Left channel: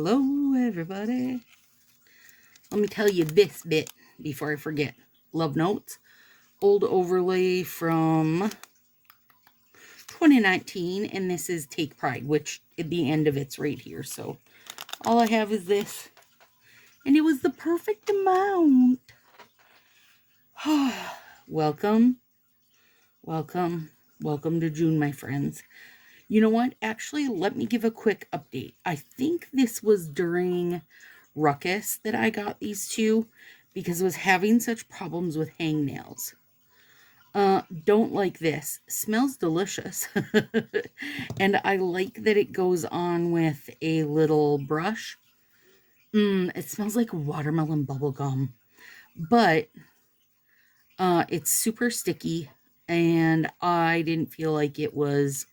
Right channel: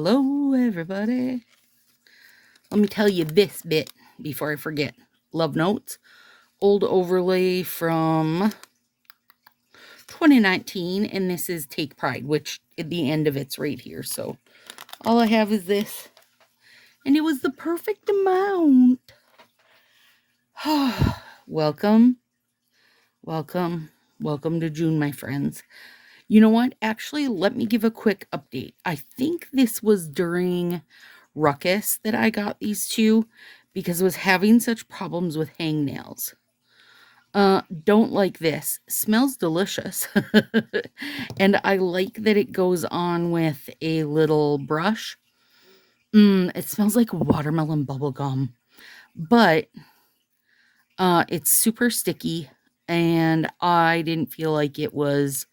Hello, everybody. Let me tell you this bit before I forget. Love notes. Old overlay from 2019, and this is Take Pride, which at the end of it's right here. So all I have is this, and it was the perfect amount. Welcome to June, my friends. You know what? Actually, let me give a quick update. I think this was during Ruckus that I got these two because I was having such problems with hangnails. Don't like this. Smells delicious. And I like that it goes on with a little brush. It smells like watermelon bubble gum. But it's super sticky, and I didn't feel like it was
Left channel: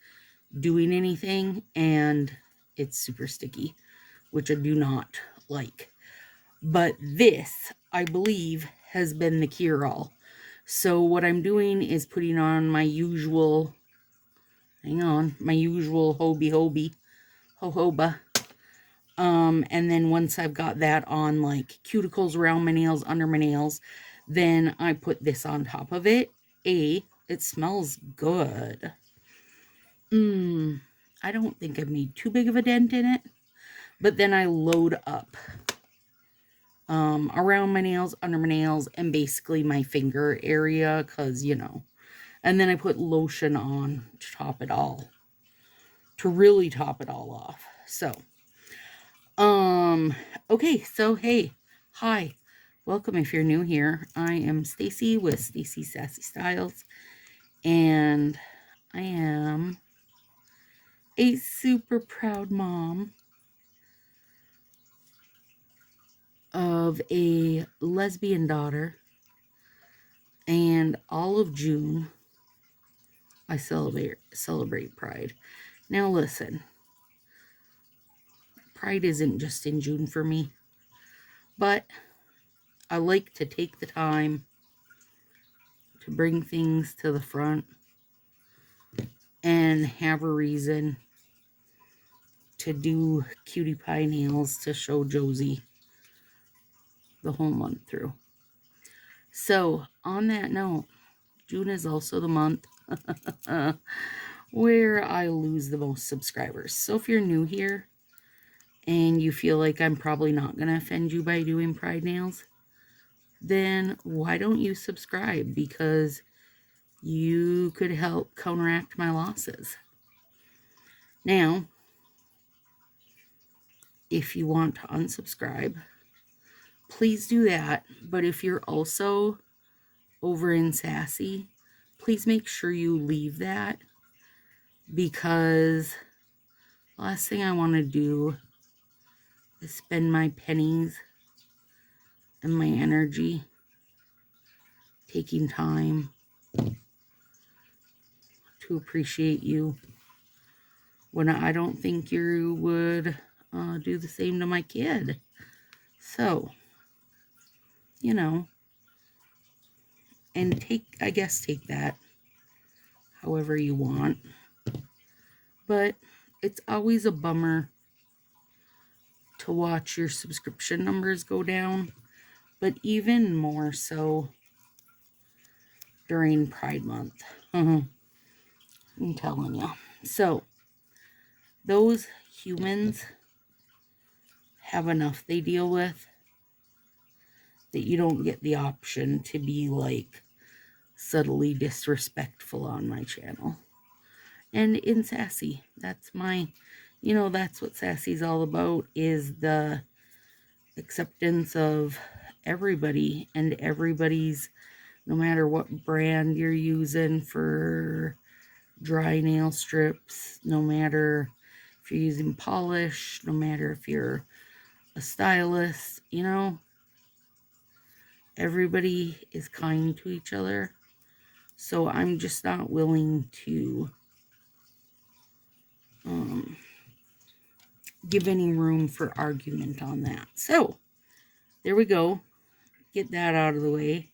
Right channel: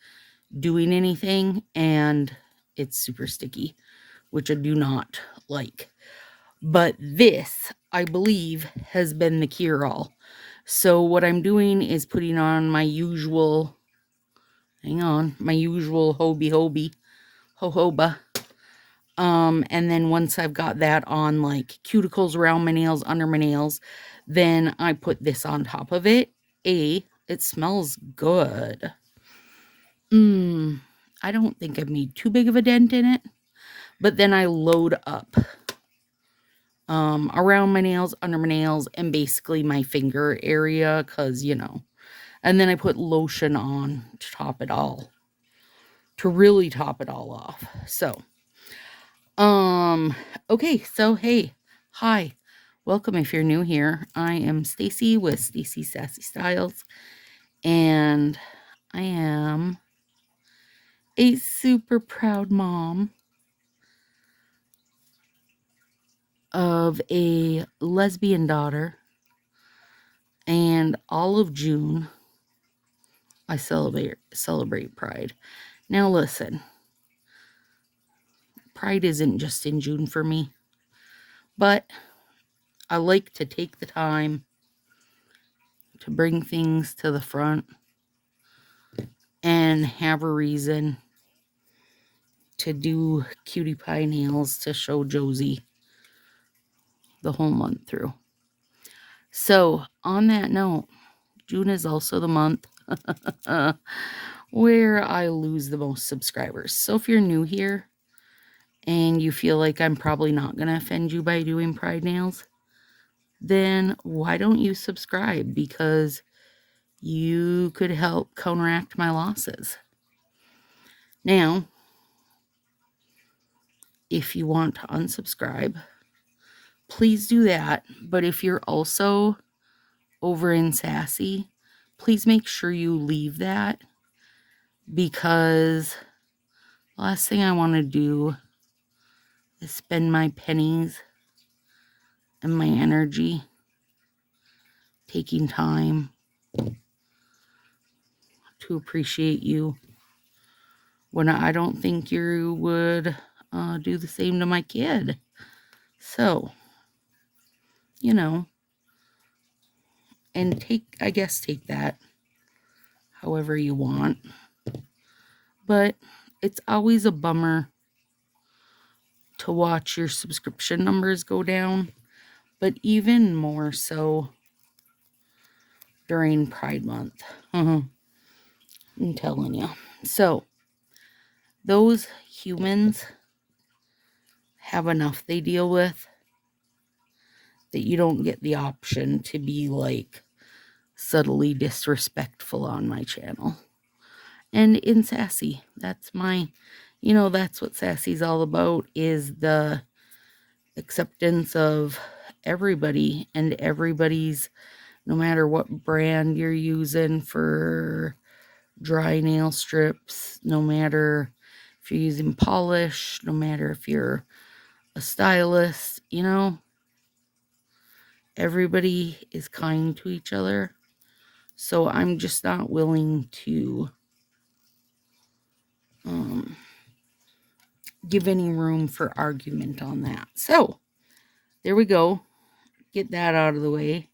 doing anything, and it's super sticky, which I do not like. But this, I believe, has been the cure-all. So what I'm doing is putting on my usual, my usual jojoba. And then once I've got that on, like cuticles around my nails, under my nails, then I put this on top of it. It smells good. I don't think I've made too big of a dent in it, but then I load up around my nails, under my nails, and basically my finger area, because, and then I put lotion on to top it all, to really top it all off. So, okay, so hey, hi, welcome if you're new here. I am Stacy with Stacy Sassy Styles, and I am a super proud mom of a lesbian daughter, and all of June I celebrate Pride. Now listen, Pride isn't just in June for me, but I like to take the time to bring things to the front and have a reason to do cutie pie nails to show Josie the whole month through. So on that note, June is also the month where I lose the most subscribers. So if you're new here and you feel like I'm probably not going to offend you by doing Pride nails, then why don't you subscribe? Because you could help counteract my losses. Now, if you want to unsubscribe, please do that. But if you're also over in Sassy, please make sure you leave that, because the last thing I want to do is spend my pennies and my energy taking time to appreciate you when I don't think you would do the same to my kid. So, and take that however you want. But it's always a bummer to watch your subscription numbers go down, but even more so during Pride Month. I'm telling you. So, those humans have enough they deal with that you don't get the option to be like subtly disrespectful on my channel. And in Sassy, that's that's what Sassy's all about, is the acceptance of everybody and everybody's, no matter what brand you're using for dry nail strips, no matter if you're using polish, no matter if you're a stylist, everybody is kind to each other. So I'm just not willing to give any room for argument on that. So there we go. Get that out of the way.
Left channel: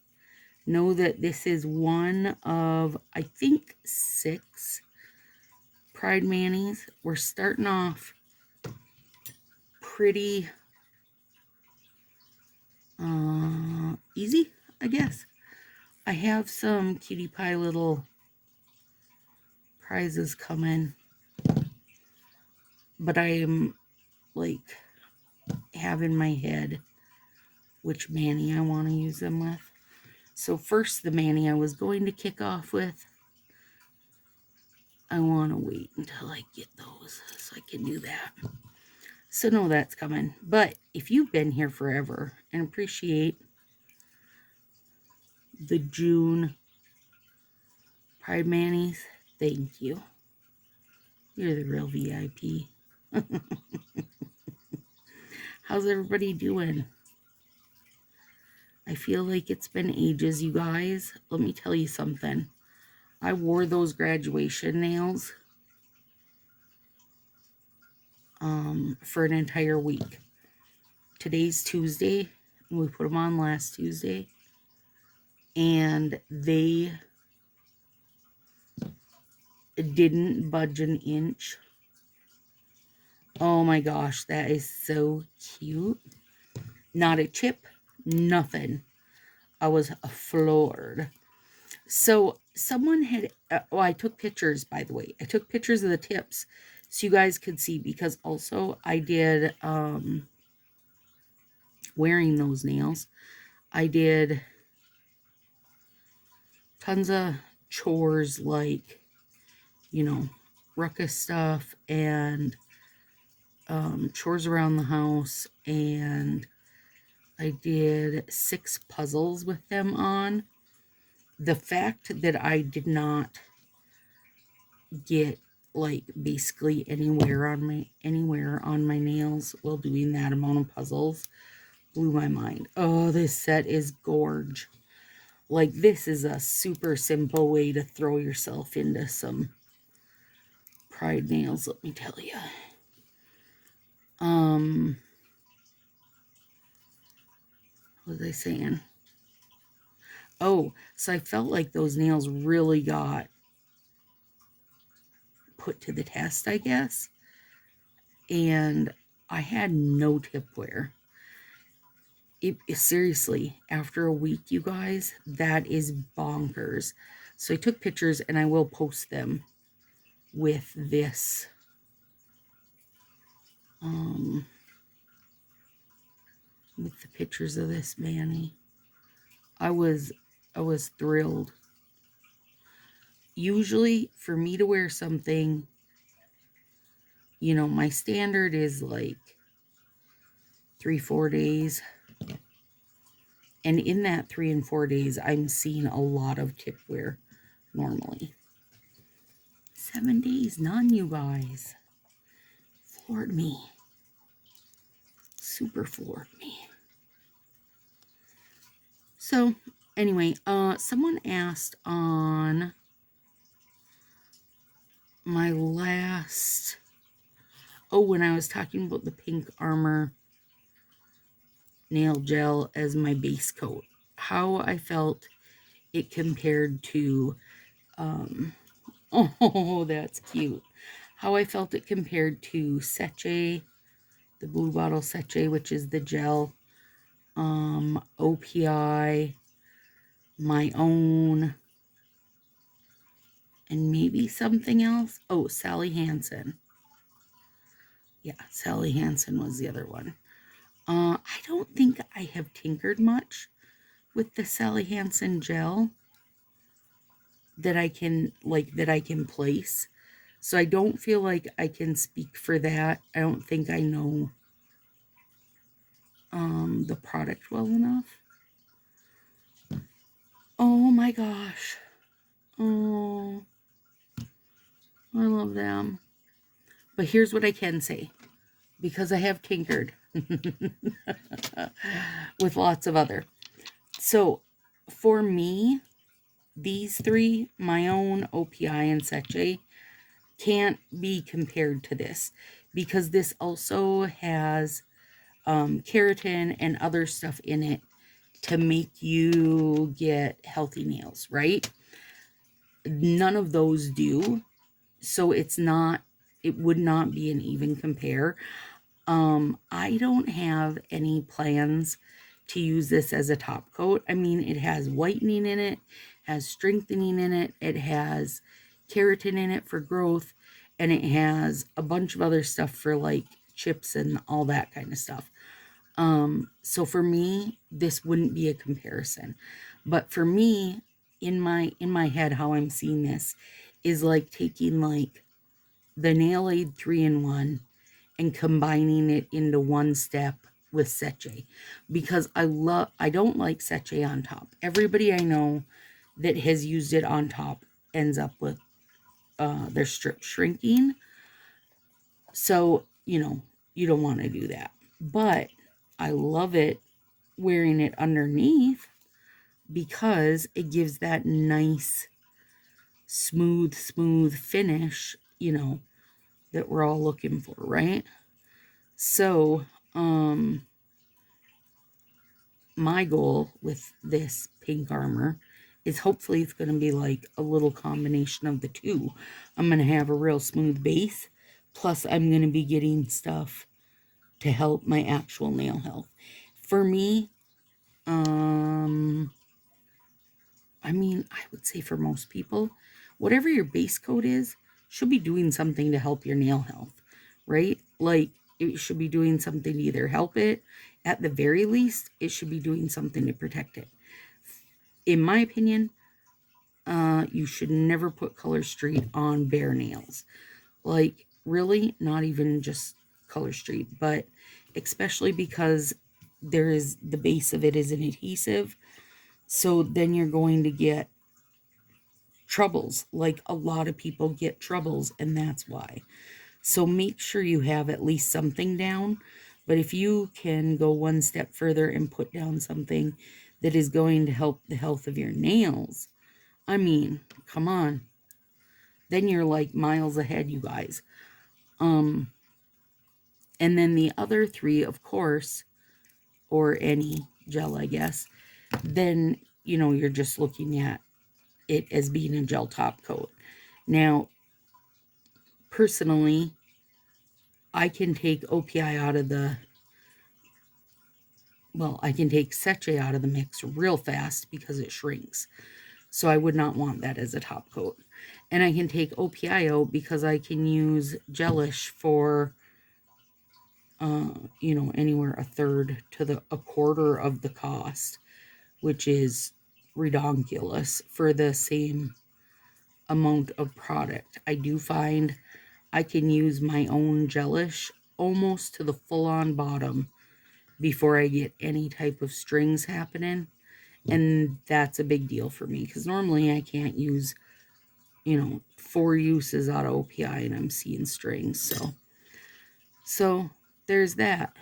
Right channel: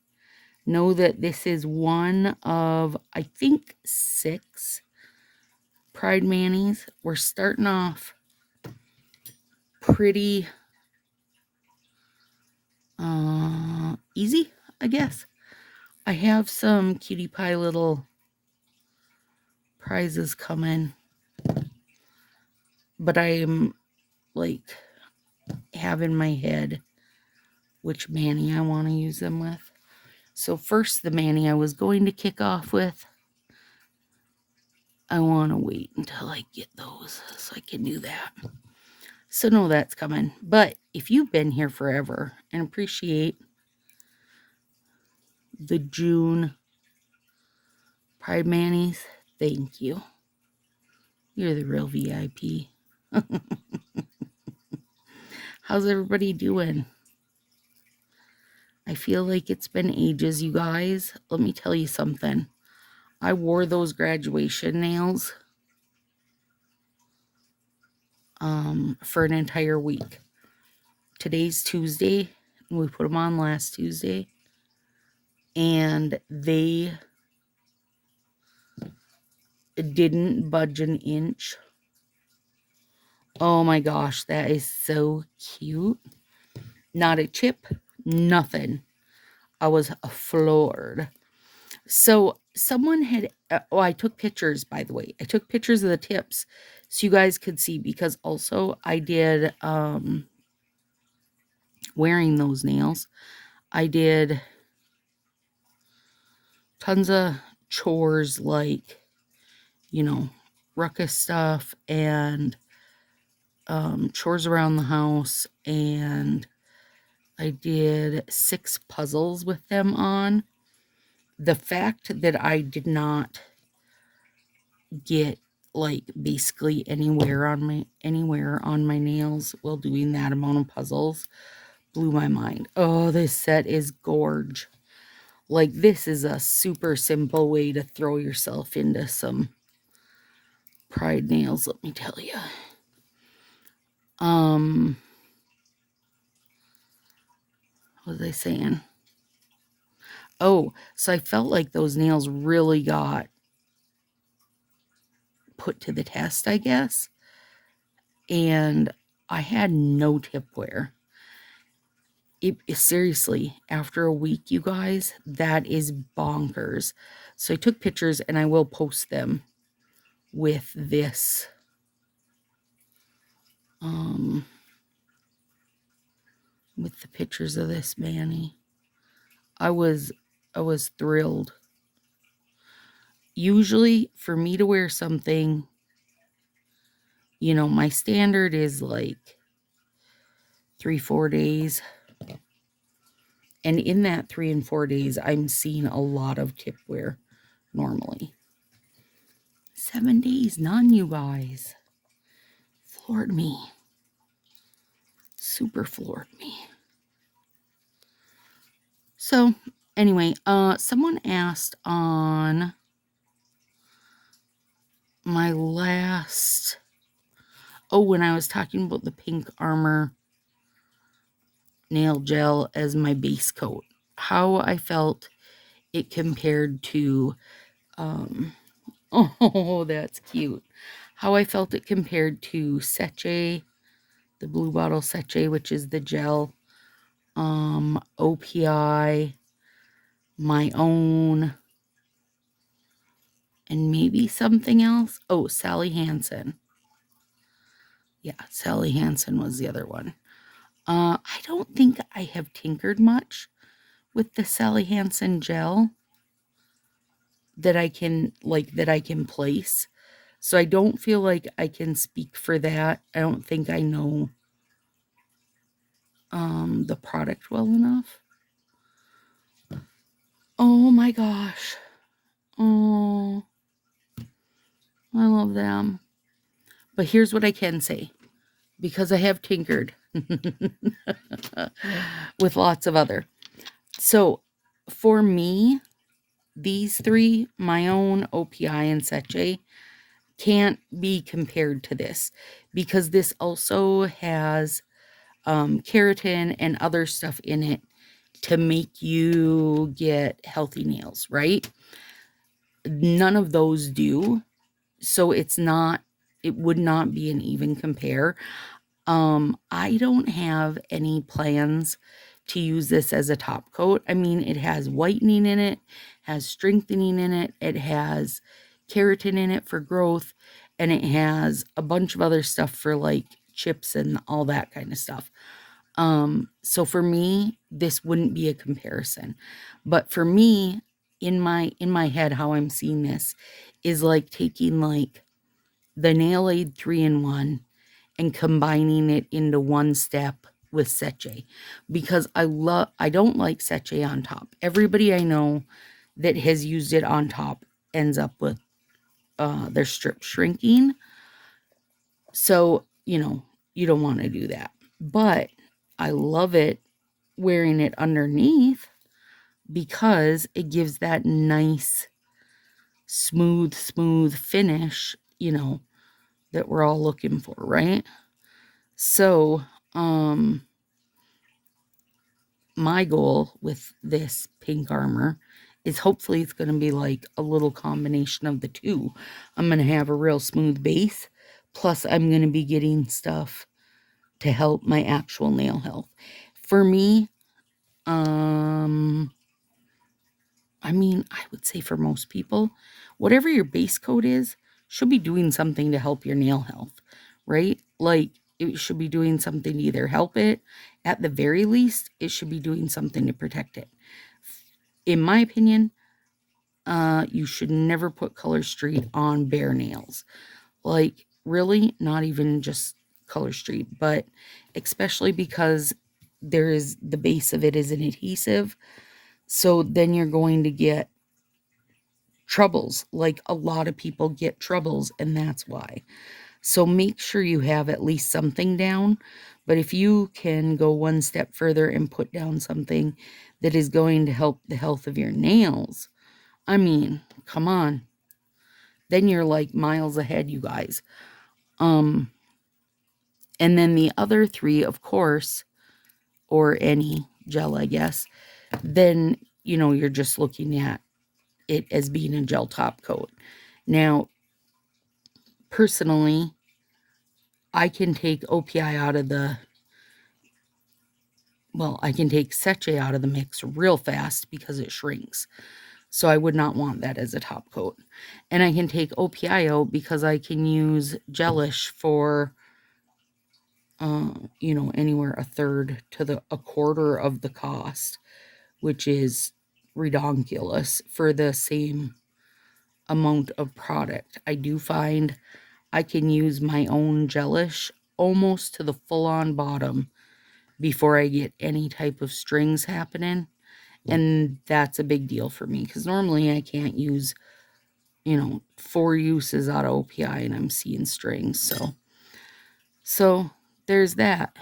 Know that this is one of, I think, 6 Pride manis. We're starting off pretty easy, I guess. I have some cutie pie little prizes coming, but I'm like have in my head which mani I want to use them with. So first, the mani I was going to kick off with, I want to wait until I get those so I can do that. So no, that's coming. But if you've been here forever and appreciate the June Pride Manis, thank you. You're the real VIP. How's everybody doing? I feel like it's been ages, you guys. Let me tell you something. I wore those graduation nails for an entire week. Today's Tuesday. We put them on last Tuesday. And they didn't budge an inch. Oh my gosh, that is so cute. Not a chip, nothing. I was floored. So someone had, I took pictures, by the way. I took pictures of the tips so you guys could see, because also I did, wearing those nails, I did tons of chores like, you know, ruckus stuff and chores around the house, and I did 6 puzzles with them on. The fact that I did not get like basically anywhere on my nails while doing that amount of puzzles blew my mind. Oh, this set is gorge. Like, this is a super simple way to throw yourself into some Pride nails, let me tell you. What was I saying? Oh, so I felt like those nails really got put to the test, I guess. And I had no tip wear. Seriously, after a week, you guys, that is bonkers. So I took pictures and I will post them with this. With the pictures of this mani. I was thrilled. Usually for me to wear something, you know, my standard is like 3-4 days. And in that 3 and 4 days, I'm seeing a lot of tip wear normally. 7 days, none, you guys. Floored me. Super floored me. So, anyway, someone asked on my last, when I was talking about the Pink Armor nail gel as my base coat, how I felt it compared to, oh, that's cute. How I felt it compared to Sassy, the Blue Bottle Sassy, which is the gel, OPI, my own, and maybe something else. Oh, Sally Hansen. Yeah, Sally Hansen was the other one. I don't think I have tinkered much with the Sally Hansen gel that I can place. So I don't feel like I can speak for that. I don't think I know the product well enough. Oh my gosh. Oh, I love them. But here's what I can say, because I have tinkered with lots of other. So for me, these 3, my own, OPI, and Sassy, can't be compared to this, because this also has keratin and other stuff in it to make you get healthy nails, right? None of those do. So it would not be an even compare. I don't have any plans to use this as a top coat. I mean, it has whitening in it, has strengthening in it, it has keratin in it for growth, and it has a bunch of other stuff for like chips and all that kind of stuff. So for me, this wouldn't be a comparison. But for me, in my head, how I'm seeing this is like taking like the Nail Aid 3-in-1 and combining it into one step with Seche, because I don't like Seche on top. Everybody I know that has used it on top ends up with their strip shrinking. So, you don't want to do that. But I love it wearing it underneath because it gives that nice smooth finish, that we're all looking for, right? So, my goal with this pink armor is hopefully it's going to be like a little combination of the two. I'm going to have a real smooth base, plus I'm going to be getting stuff to help my actual nail health. For me, I mean, I would say for most people, whatever your base coat is, should be doing something to help your nail health, right? Like, it should be doing something to either help it, at the very least, it should be doing something to protect it. In my opinion, you should never put Color Street on bare nails. Like, really, not even just Color Street, but especially because the base of it is an adhesive. So then you're going to get troubles. Like, a lot of people get troubles, and that's why. So make sure you have at least something down. But if you can go one step further and put down something that is going to help the health of your nails, I mean, come on. Then you're like miles ahead, you guys. And then the other three, of course, or any gel, I guess, then, you're just looking at it as being a gel top coat. Now, personally, I can take OPI out of I can take Seche out of the mix real fast because it shrinks. So I would not want that as a top coat. And I can take OPI out because I can use gelish for, anywhere a third to a quarter of the cost, which is redonkulous for the same amount of product. I do find I can use my own gelish almost to the full-on bottom before I get any type of strings happening. And that's a big deal for me because normally I can't use, 4 uses out of OPI and I'm seeing strings. So there's that.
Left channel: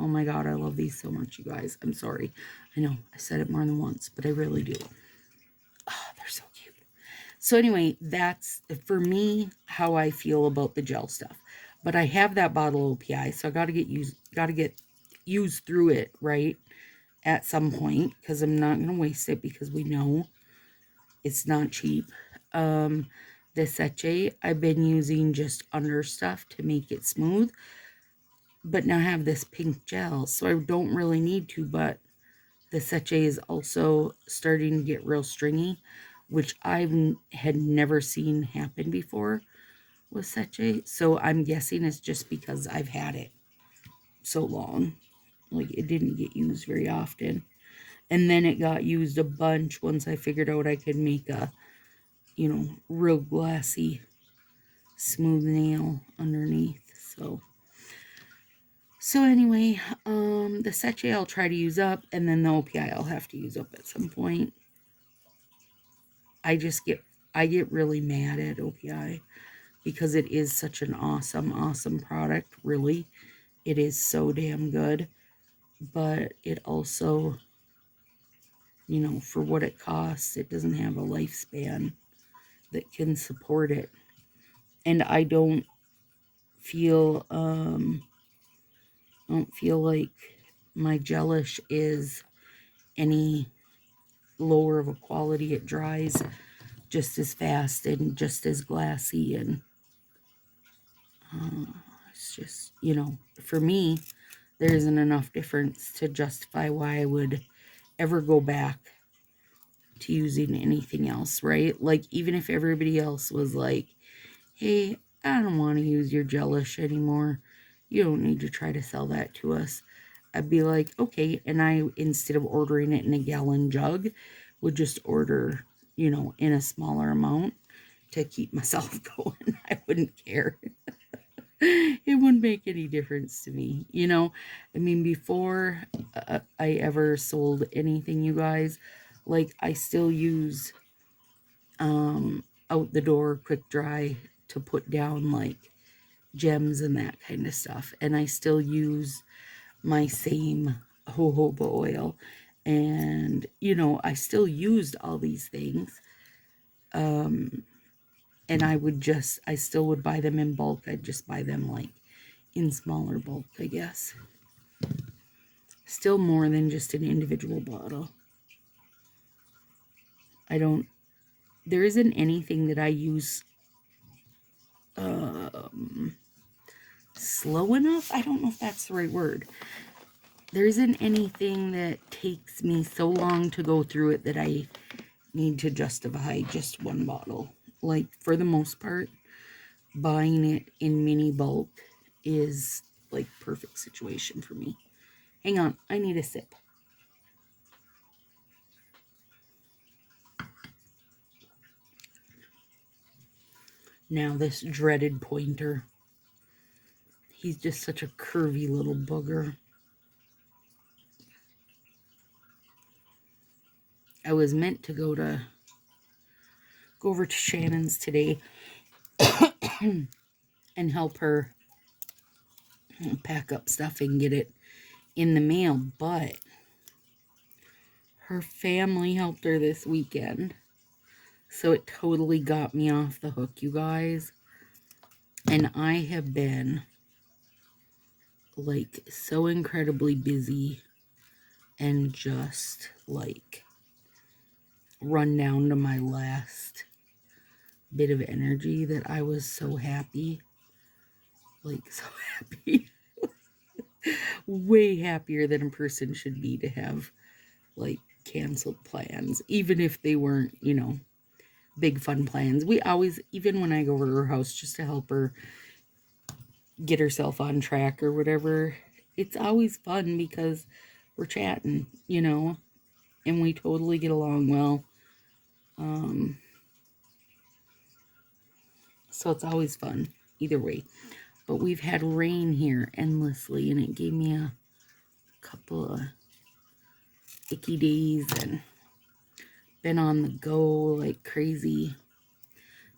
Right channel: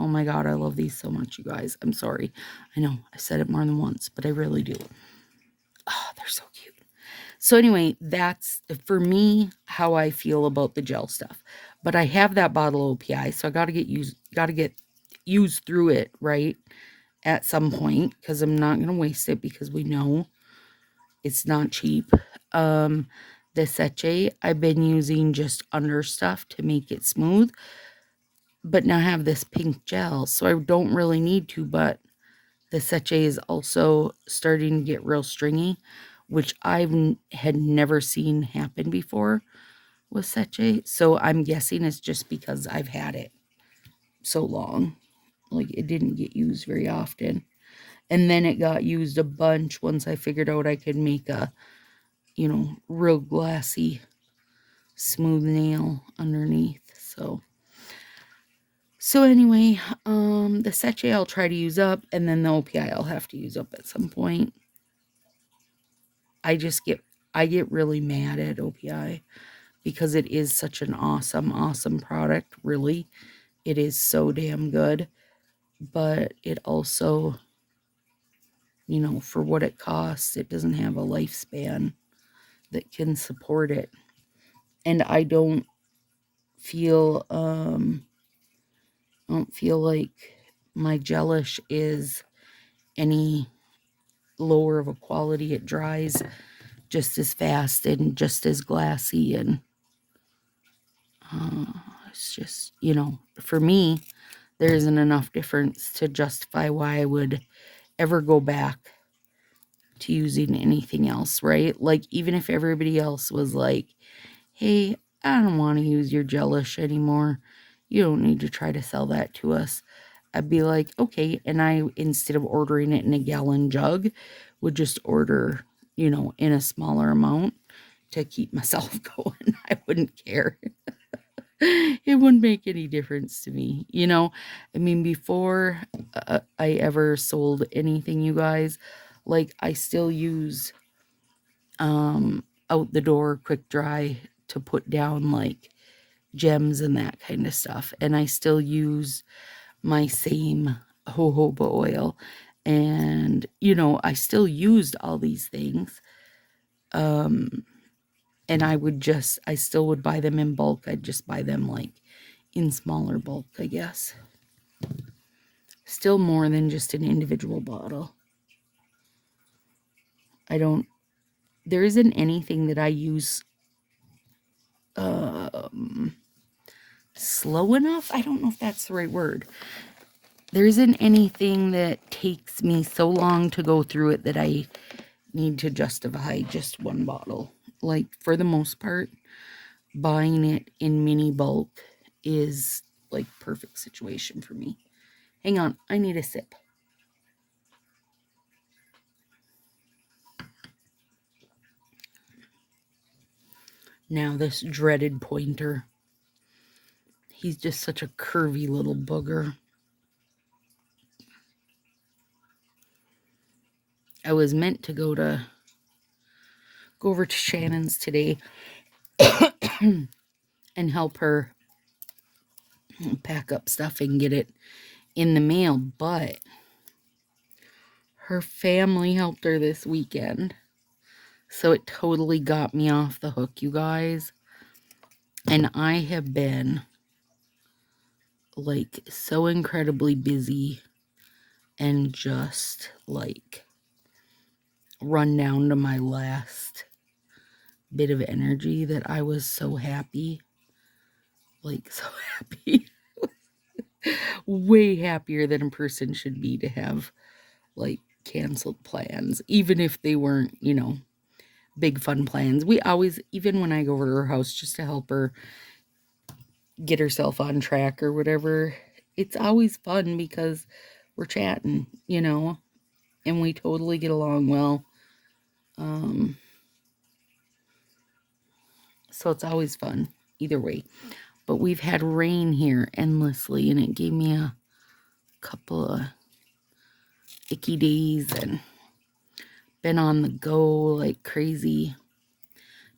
Oh my God, I love these so much, you guys. I'm sorry. I know I said it more than once, but I really do. Oh, they're so cute. So anyway, that's, for me, how I feel about the gel stuff. But I have that bottle of OPI, so I got to get used through it, right? At some point, because I'm not going to waste it because we know it's not cheap. The Seche, I've been using just under stuff to make it smooth, but now I have this pink gel, so I don't really need to, but the Seche is also starting to get real stringy, which had never seen happen before with Seche, so I'm guessing it's just because I've had it so long. Like, it didn't get used very often. And then it got used a bunch once I figured out I could make a, real glassy, smooth nail underneath. So anyway, the Seche I'll try to use up, and then the OPI I'll have to use up at some point. I get really mad at OPI because it is such an awesome product. Really, it is so damn good. But it also, for what it costs, it doesn't have a lifespan that can support it. And I don't feel like my gelish is any lower of a quality. It dries just as fast and just as glassy, and it's just, you know, for me, there isn't enough difference to justify why I would ever go back to using anything else, right? Like, even if everybody else was like, hey, I don't want to use your gelish anymore. You don't need to try to sell that to us. I'd be like, okay. And I, instead of ordering it in a gallon jug, would just order, you know, in a smaller amount to keep myself going. I wouldn't care. It wouldn't make any difference to me, you know. I mean, before I ever sold anything, you guys, like, I still use out the door quick dry to put down like gems and that kind of stuff, and I still use my same jojoba oil, and you know, I still used all these things. And I still would buy them in bulk. I'd just buy them like in smaller bulk, I guess. Still more than just an individual bottle. There isn't anything that I use slow enough. I don't know if that's the right word. There isn't anything that takes me so long to go through it that I need to justify just one bottle. Like, for the most part, buying it in mini bulk is like perfect situation for me. Hang on, I need a sip. Now this dreaded pointer. He's just such a curvy little booger. I was meant to go over to Shannon's today and help her pack up stuff and get it in the mail, but her family helped her this weekend. So it totally got me off the hook, you guys. And I have been like so incredibly busy and just like run down to my last bit of energy that I was so happy. Like, so happy. Way happier than a person should be to have like canceled plans, even if they weren't, you know, big fun plans. We always, even when I go over to her house just to help her get herself on track or whatever, it's always fun because we're chatting, you know, and we totally get along well. So it's always fun either way. But we've had rain here endlessly, and it gave me a couple of icky days and been on the go like crazy.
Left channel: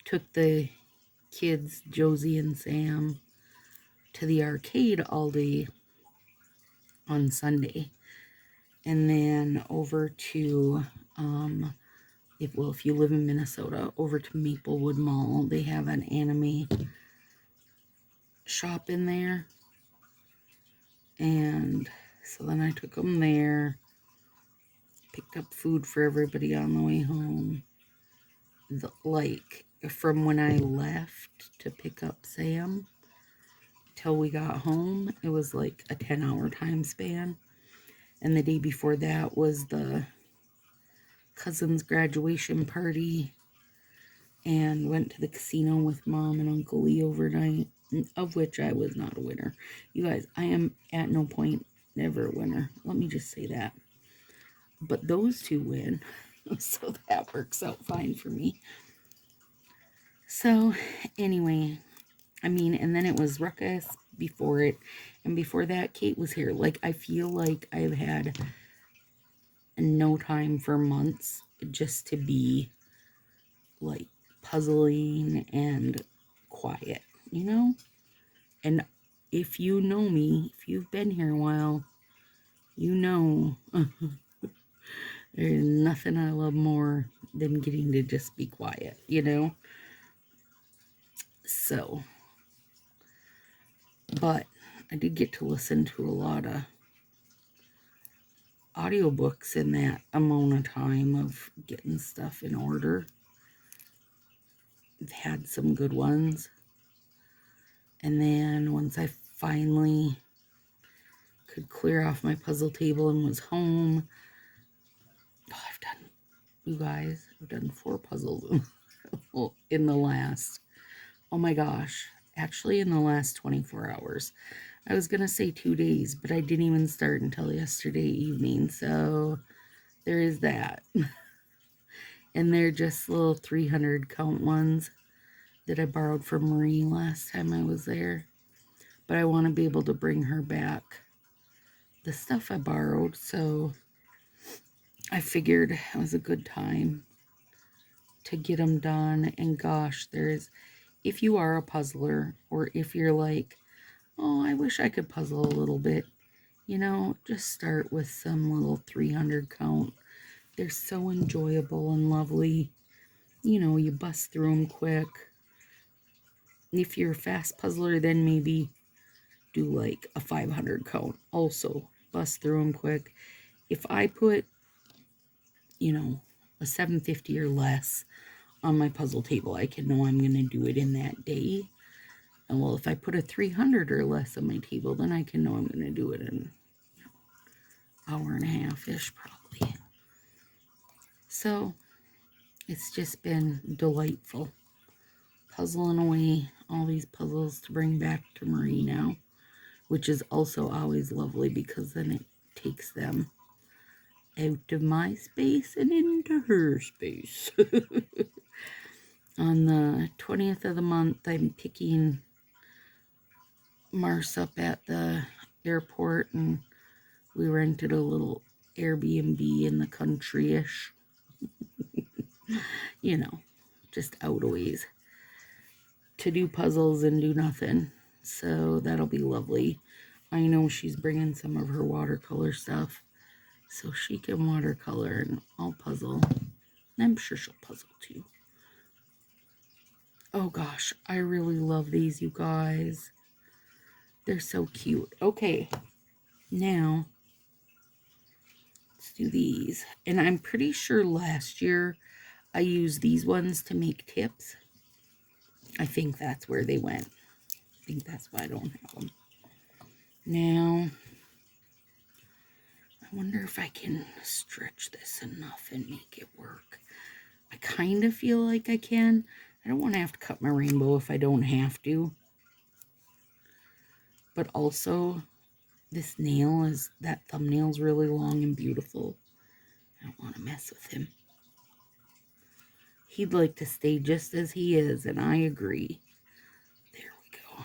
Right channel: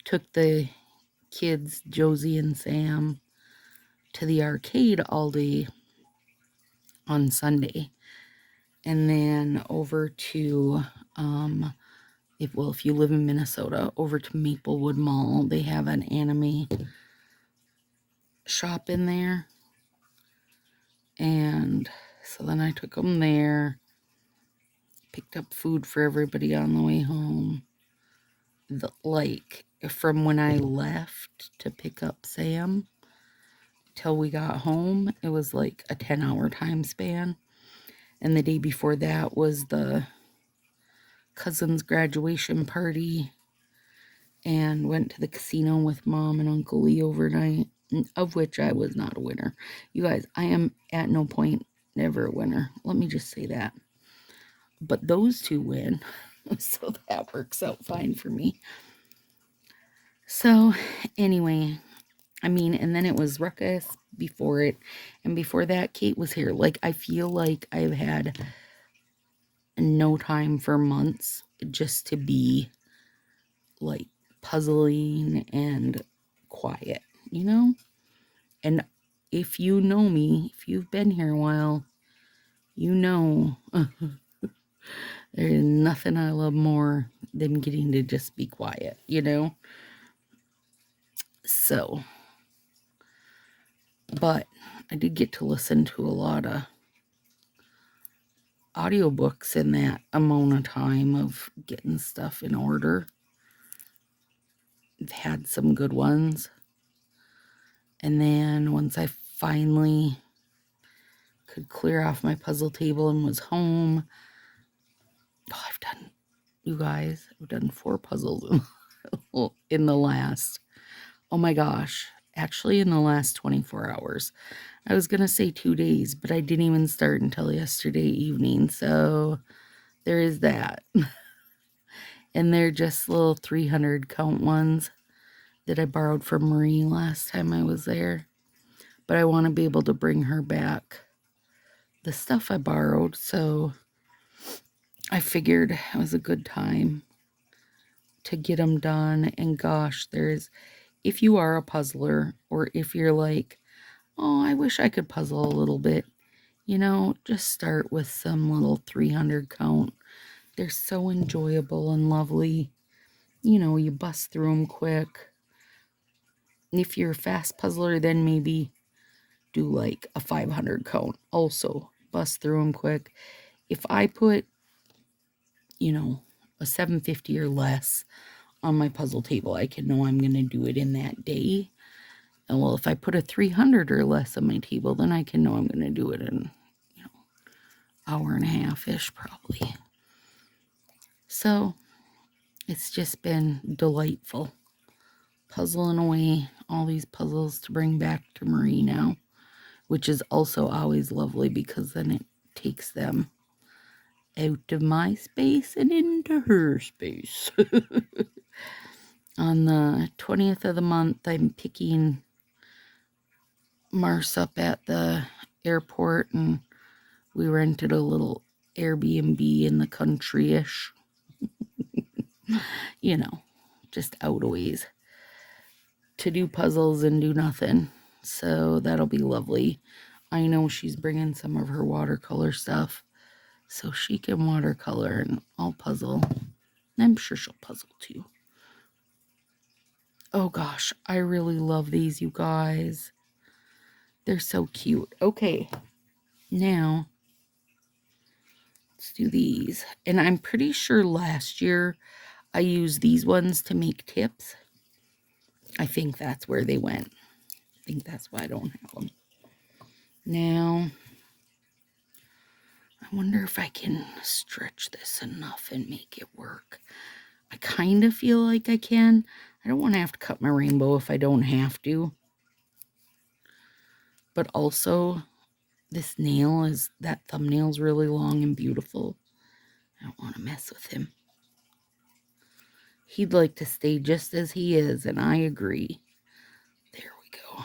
Took the kids, Josie and Sam, to the arcade all day on Sunday, and then over to if you live in Minnesota, over to Maplewood Mall. They have an anime shop in there, and so then I took them there, picked up food for everybody on the way home. Like, from when I left to pick up Sam till we got home, it was like a 10-hour time span. And the day before that was the cousin's graduation party, and went to the casino with Mom and Uncle Lee overnight, of which I was not a winner. You guys, I am at no point never a winner. Let me just say that. But those two win, so that works out fine for me. So, anyway, I mean, and then it was Ruckus before it, and before that, Kate was here. Like, I feel like I've had no time for months just to be, like, puzzling and quiet, you know? And if you know me, if you've been here a while, you know there's nothing I love more than getting to just be quiet, you know? So, but I did get to listen to a lot of audiobooks in that amount of time of getting stuff in order. I've had some good ones. And then once I finally could clear off my puzzle table and was home, you guys, I've done 4 puzzles in the last, oh my gosh, actually in the last 24 hours. I was going to say 2 days, but I didn't even start until yesterday evening, so there is that. And they're just little 300 count ones that I borrowed from Marie last time I was there. But I want to be able to bring her back the stuff I borrowed, so I figured it was a good time to get them done. And gosh, if you are a puzzler, or if you're like, oh, I wish I could puzzle a little bit, just start with some little 300 count. They're so enjoyable and lovely. You bust through them quick. If you're a fast puzzler, then maybe do like a 500 count. Also, bust through them quick. If I put, a 750 or less on my puzzle table, I can know I'm going to do it in that day. And well, if I put a 300 or less on my table, then I can know I'm going to do it in, hour and a half-ish probably. So it's just been delightful puzzling away all these puzzles to bring back to Marie now, which is also always lovely because then it takes them out of my space and into her space. On the 20th of the month, I'm picking Mars up at the airport, and we rented a little Airbnb in the country-ish. Just out a ways to do puzzles and do nothing. So that'll be lovely. I know she's bringing some of her watercolor stuff, so she can watercolor and I'll puzzle. And I'm sure she'll puzzle too. Oh gosh, I really love these, you guys. They're so cute. Okay, now let's do these. And I'm pretty sure last year I used these ones to make tips. I think that's where they went. I think that's why I don't have them. Now, I wonder if I can stretch this enough and make it work. I kind of feel like I can. I don't want to have to cut my rainbow if I don't have to. But also, that thumbnail's really long and beautiful. I don't want to mess with him. He'd like to stay just as he is, and I agree. There we go.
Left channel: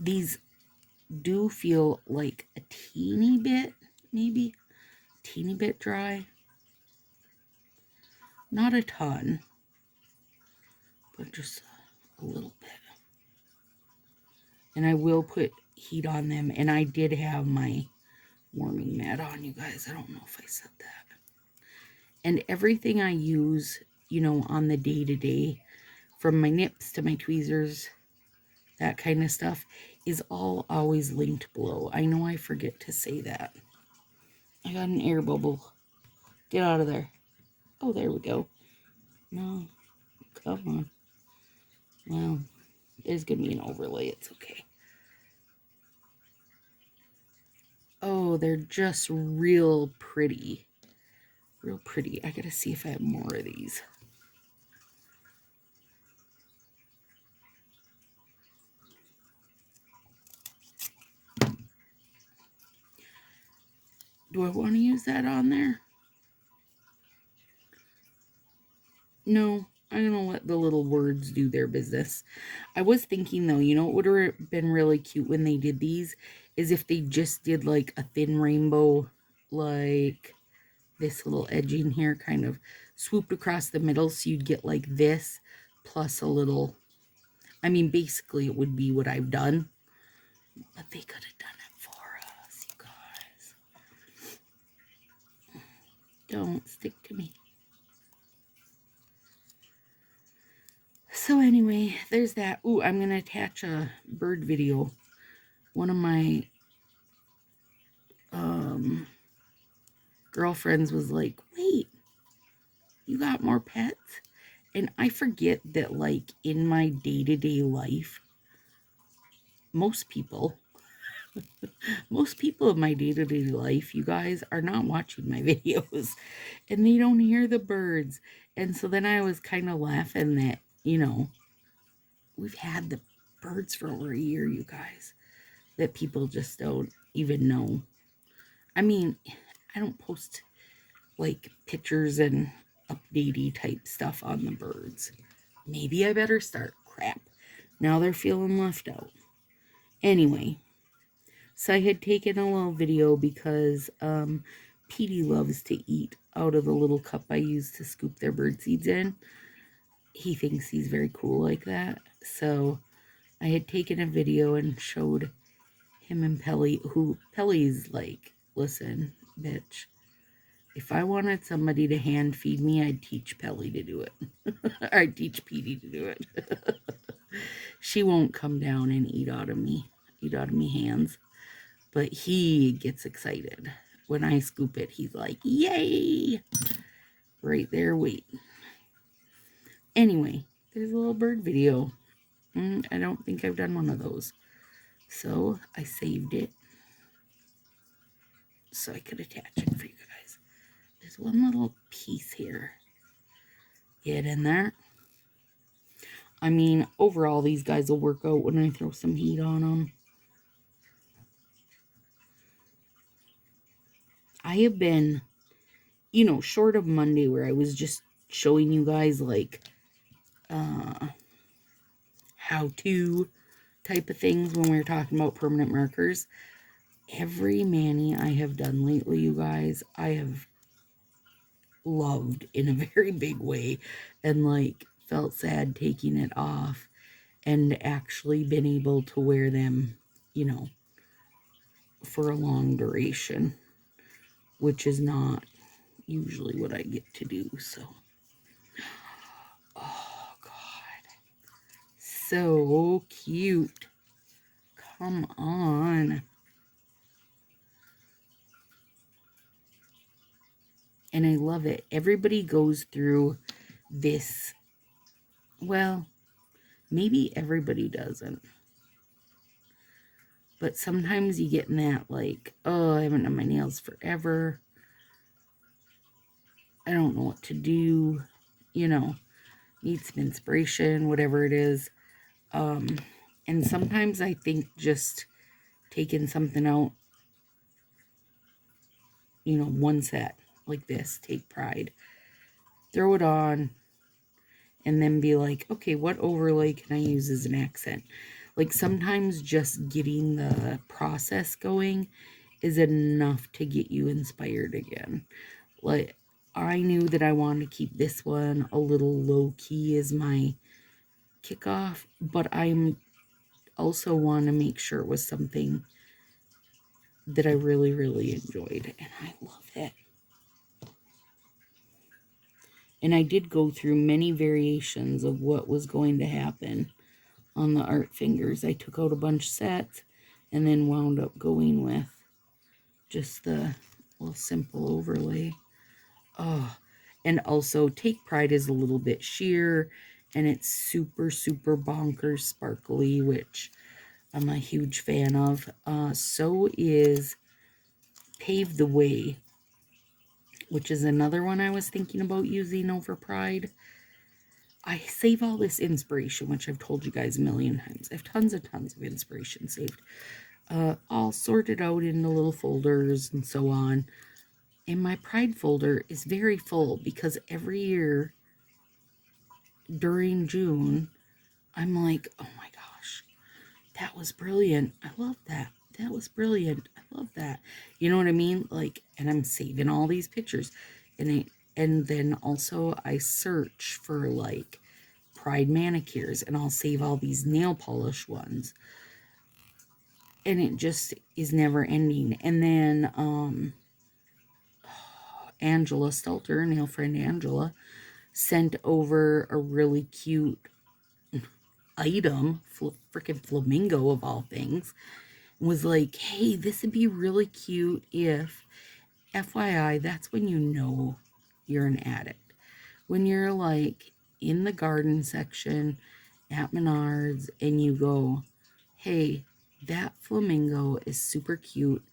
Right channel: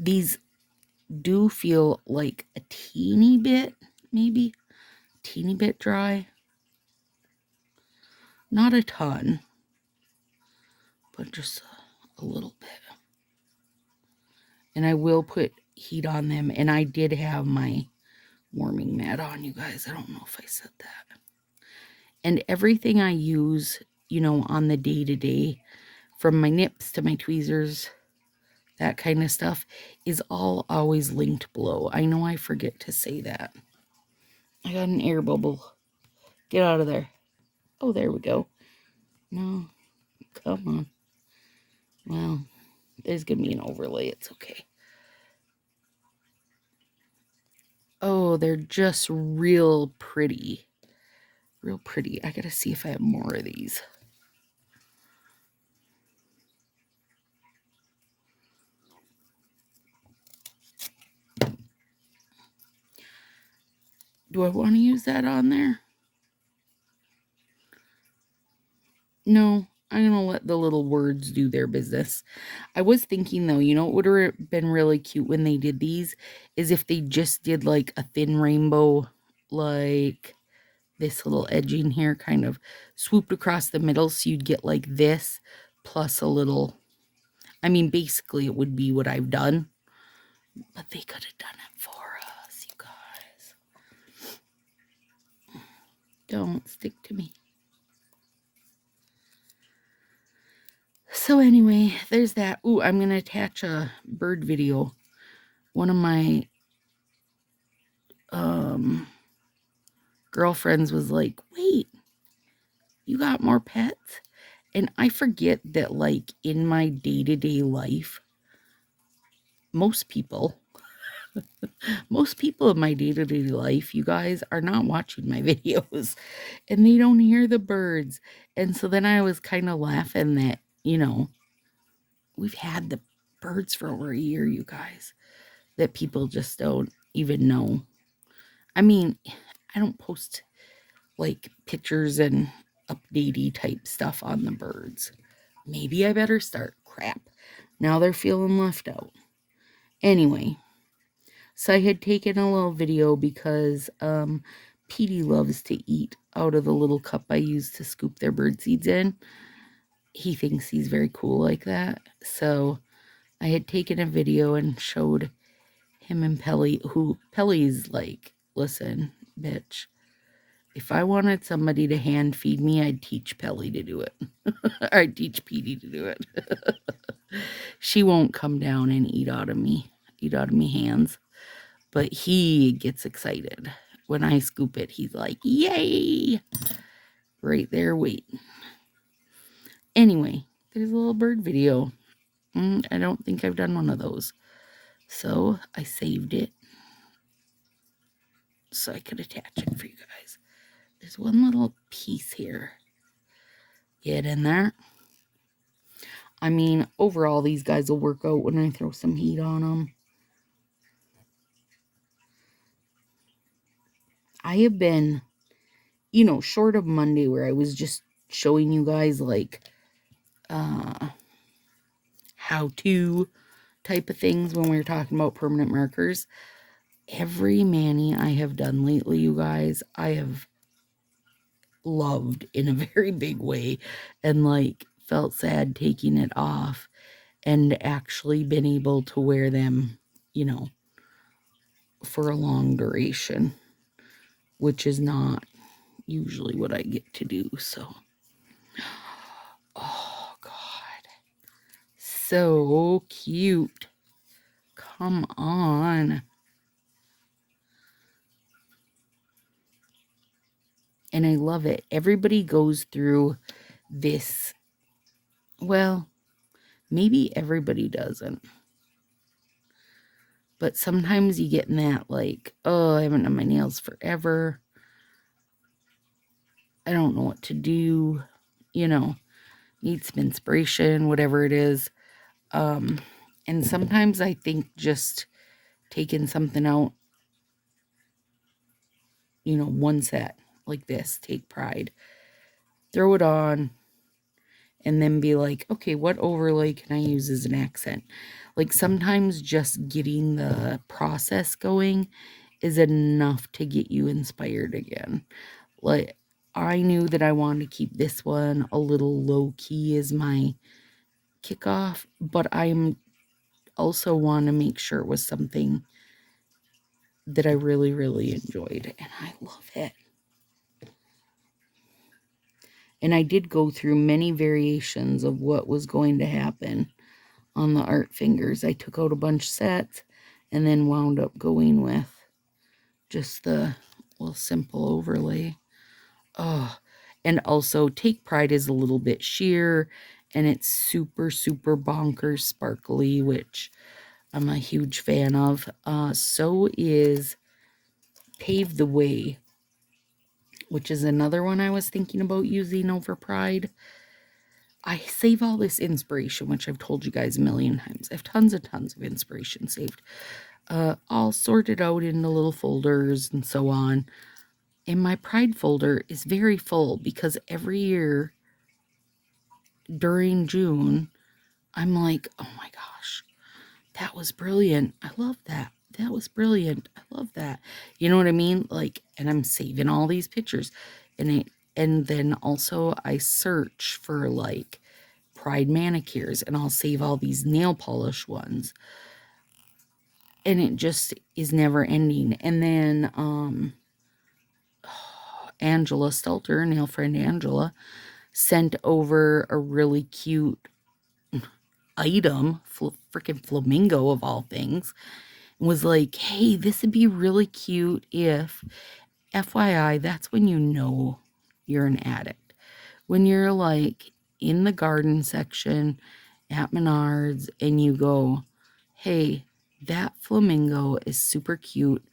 These do feel like a teeny bit, maybe, teeny bit dry. Not a ton, but just a little bit. And I will put heat on them, and I did have my warming mat on, you guys. I don't know if I said that. And everything I use, on the day-to-day, from my nips to my tweezers, that kind of stuff, is all always linked below. I know I forget to say that. I got an air bubble. Get out of there. Oh, there we go. No, come on. Well, there's going to be an overlay. It's okay. Oh, they're just real pretty. Real pretty. I got to see if I have more of these. Do I want to use that on there? No, I'm going to let the little words do their business. I was thinking, though, what would have been really cute when they did these is if they just did, like, a thin rainbow, like this little edging here, kind of swooped across the middle, so you'd get, like, this, plus a little, basically it would be what I've done, but they could have done it for us, you guys. Don't stick to me. So anyway, there's that. Ooh, I'm going to attach a bird video. One of my girlfriends was like, wait, you got more pets? And I forget that, like, in my day-to-day life, most people, most people in my day-to-day life, you guys, are not watching my videos and they don't hear the birds. And so then I was kind of laughing that, we've had the birds for over a year, you guys, that people just don't even know. I mean, I don't post like pictures and updatey type stuff on the birds. Maybe I better start. Crap. Now they're feeling left out. Anyway, so I had taken a little video because Petey loves to eat out of the little cup I use to scoop their bird seeds in. He thinks he's very cool like that. So I had taken a video and showed him and Pelly, who Pelly's like, listen, bitch, if I wanted somebody to hand feed me, I'd teach Pelly to do it. Or I'd teach Petey to do it. She won't come down and eat out of me hands. But he gets excited. When I scoop it, he's like, yay! Right there, wait. Anyway, there's a little bird video. I don't think I've done one of those. So I saved it so I could attach it for you guys. There's one little piece here. Get in there. I mean, overall, these guys will work out when I throw some heat on them. I have been, short of Monday where I was just showing you guys like how-to type of things when we were talking about permanent markers. Every mani I have done lately, you guys, I have loved in a very big way and like felt sad taking it off and actually been able to wear them, for a long duration, which is not usually what I get to do. So, oh God, so cute. Come on. And I love it. Everybody goes through this. Well, maybe everybody doesn't. But sometimes you get in that like, oh, I haven't done my nails forever. I don't know what to do. Need some inspiration, whatever it is. And sometimes I think just taking something out, one set like this, take pride, throw it on, and then be like, okay, what overlay can I use as an accent? Like sometimes just getting the process going is enough to get you inspired again. Like I knew that I wanted to keep this one a little low key as my kickoff, but I'm also want to make sure it was something that I really, really enjoyed, and I love it. And I did go through many variations of what was going to happen on the art fingers. I took out a bunch of sets and then wound up going with just the little simple overlay. Oh, and also Take Pride is a little bit sheer and it's super, super bonkers sparkly, which I'm a huge fan of. So is Pave the Way, which is another one I was thinking about using over Pride. I save all this inspiration, which I've told you guys a million times. I have tons of inspiration saved. All sorted out into little folders and so on. And my Pride folder is very full because every year during June, I'm like, oh my gosh, that was brilliant. I love that. That was brilliant. I love that. You know what I mean? Like, and I'm saving all these pictures. And then also I search for like Pride manicures and I'll save all these nail polish ones. And it just is never ending. And then Angela Stelter, nail friend Angela, sent over a really cute item, freaking flamingo of all things, and was like, hey, this would be really cute if, FYI, that's when you know you're an addict. When you're like in the garden section at Menards and you go, hey, that flamingo is super cute,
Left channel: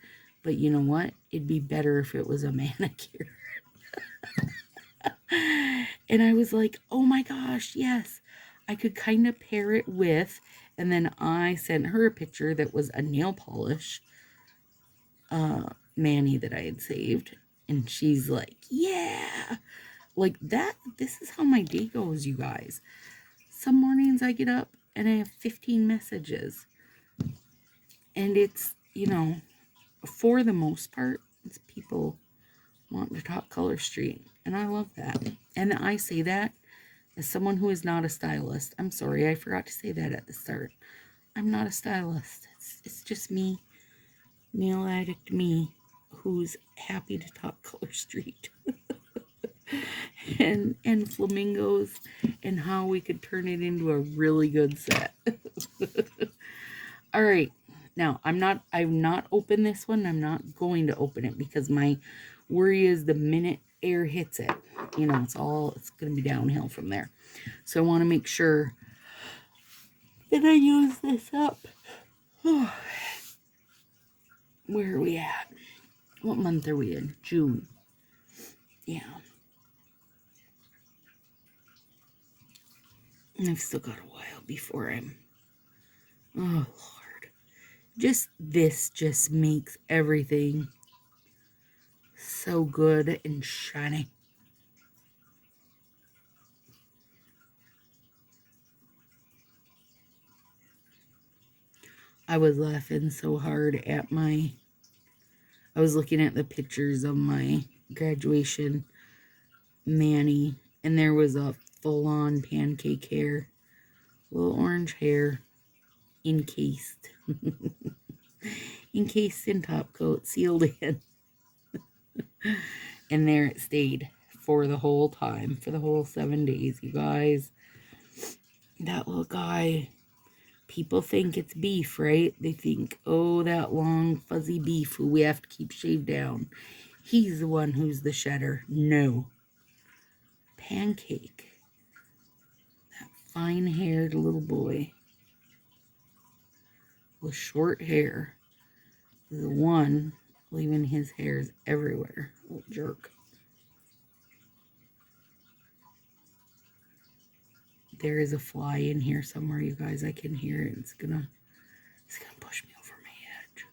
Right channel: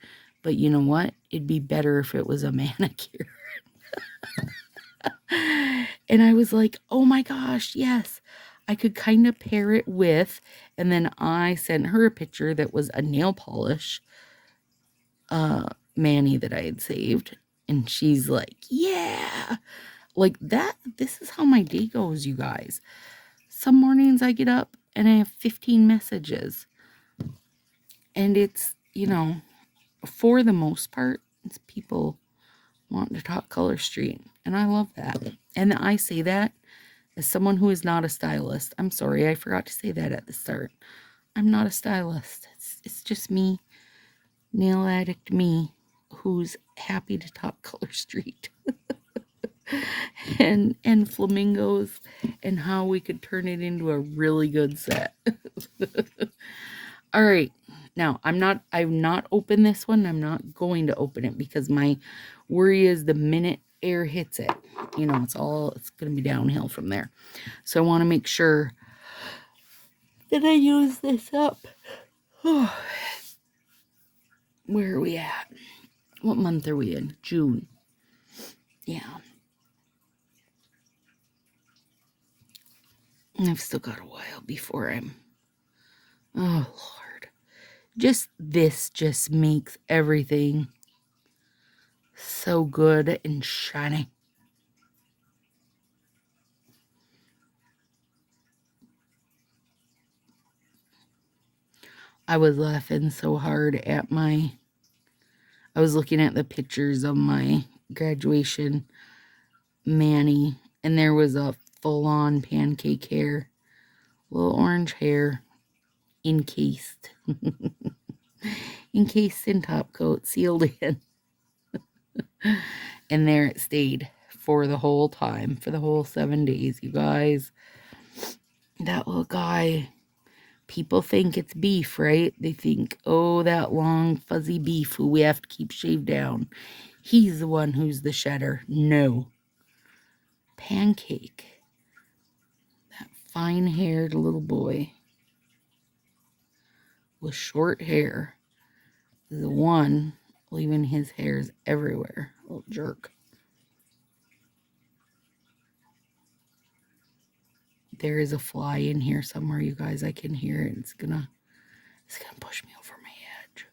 but you know what? It'd be better if it was a manicure. And I was like, oh my gosh, yes. I could kind of pair it with, and then I sent her a picture that was a nail polish Manny that I had saved. And she's like, yeah, like that. This is how my day goes, you guys. Some mornings I get up and I have 15 messages. And it's, you know, for the most part, it's people wanting to talk Color Street. And I love that. And I say that as someone who is not a stylist. I'm sorry, I forgot to say that at the start. I'm not a stylist. It's just me, nail addict me, who's happy to talk Color Street. and flamingos and how we could turn it into a really good set. All right. Now, I've not opened this one. I'm not going to open it because my worry is the minute air hits it, you know, it's going to be downhill from there. So I want to make sure that I use this up. Where are we at? What month are we in? June. Yeah. I've still got a while before I'm... Oh, Lord. This just makes everything so good and shiny. I was laughing so hard at I was looking at the pictures of my graduation Manny, and there was a full-on pancake hair, little orange hair, encased. Encased in top coat, sealed in. And there it stayed for the whole time, for the whole 7 days, you guys. That little guy, people think it's beef, right? They think, oh, that long, fuzzy beef who we have to keep shaved down. He's the one who's the shedder. No. Pancake. That fine-haired little boy with short hair. The one leaving his hairs everywhere. Little jerk. There is a fly in here somewhere, you guys. I can hear it. It's gonna push me over my edge.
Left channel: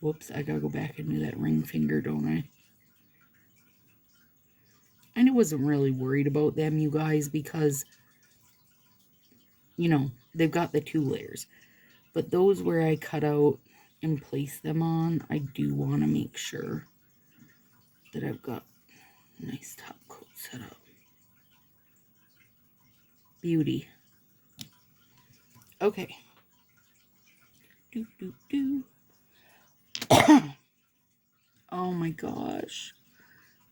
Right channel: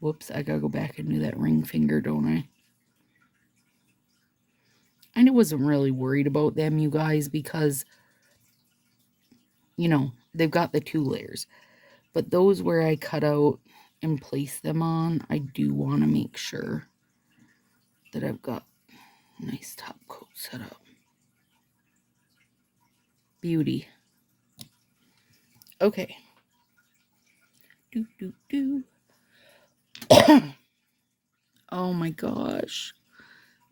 Whoops, I gotta go back and do that ring finger, don't I? And I wasn't really worried about them, you guys, because, you know, they've got the 2 layers. But those where I cut out and place them on, I do want to make sure that I've got a nice top coat set up. Beauty. Okay. Oh my gosh.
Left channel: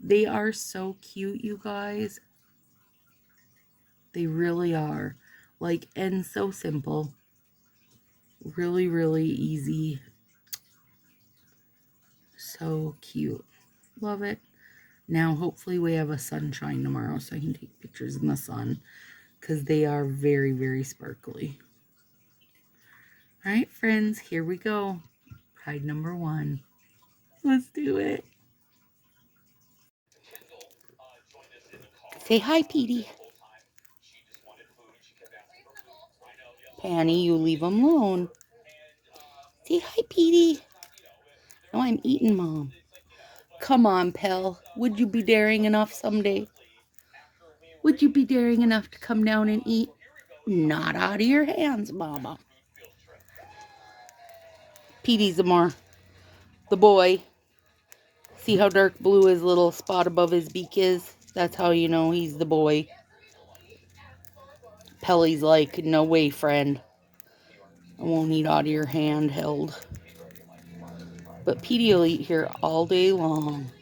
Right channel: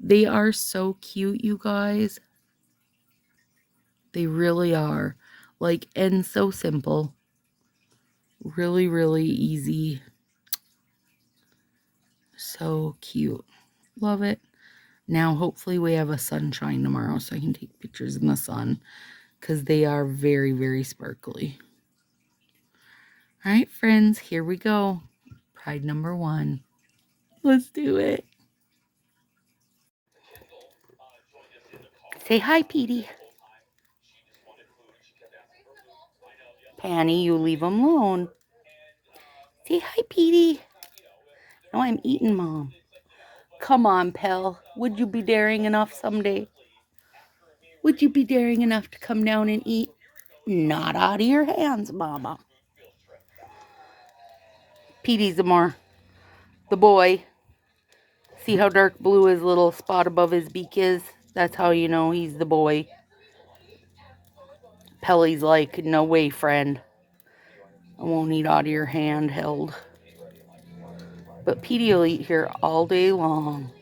They are so cute, you guys. They really are. Like, and so simple. Really, really easy. So cute. Love it. Now, hopefully we have a sunshine tomorrow so I can take pictures in the sun because they are very, very sparkly. All right, friends, here we go. Pride number 1. Let's do it. Say hi, Petey. Panny, you leave him alone. Say hi, Petey. No, I'm eating, Mom. Come on, pal. Would you be daring enough someday? Would you be daring enough to come down and eat? Not out of your hands, Mama. Petey's the boy. See how dark blue his little spot above his beak is? That's how you know he's the boy. Pelly's like, no way, friend. I won't eat out of your hand held. But Petey will eat here all day long.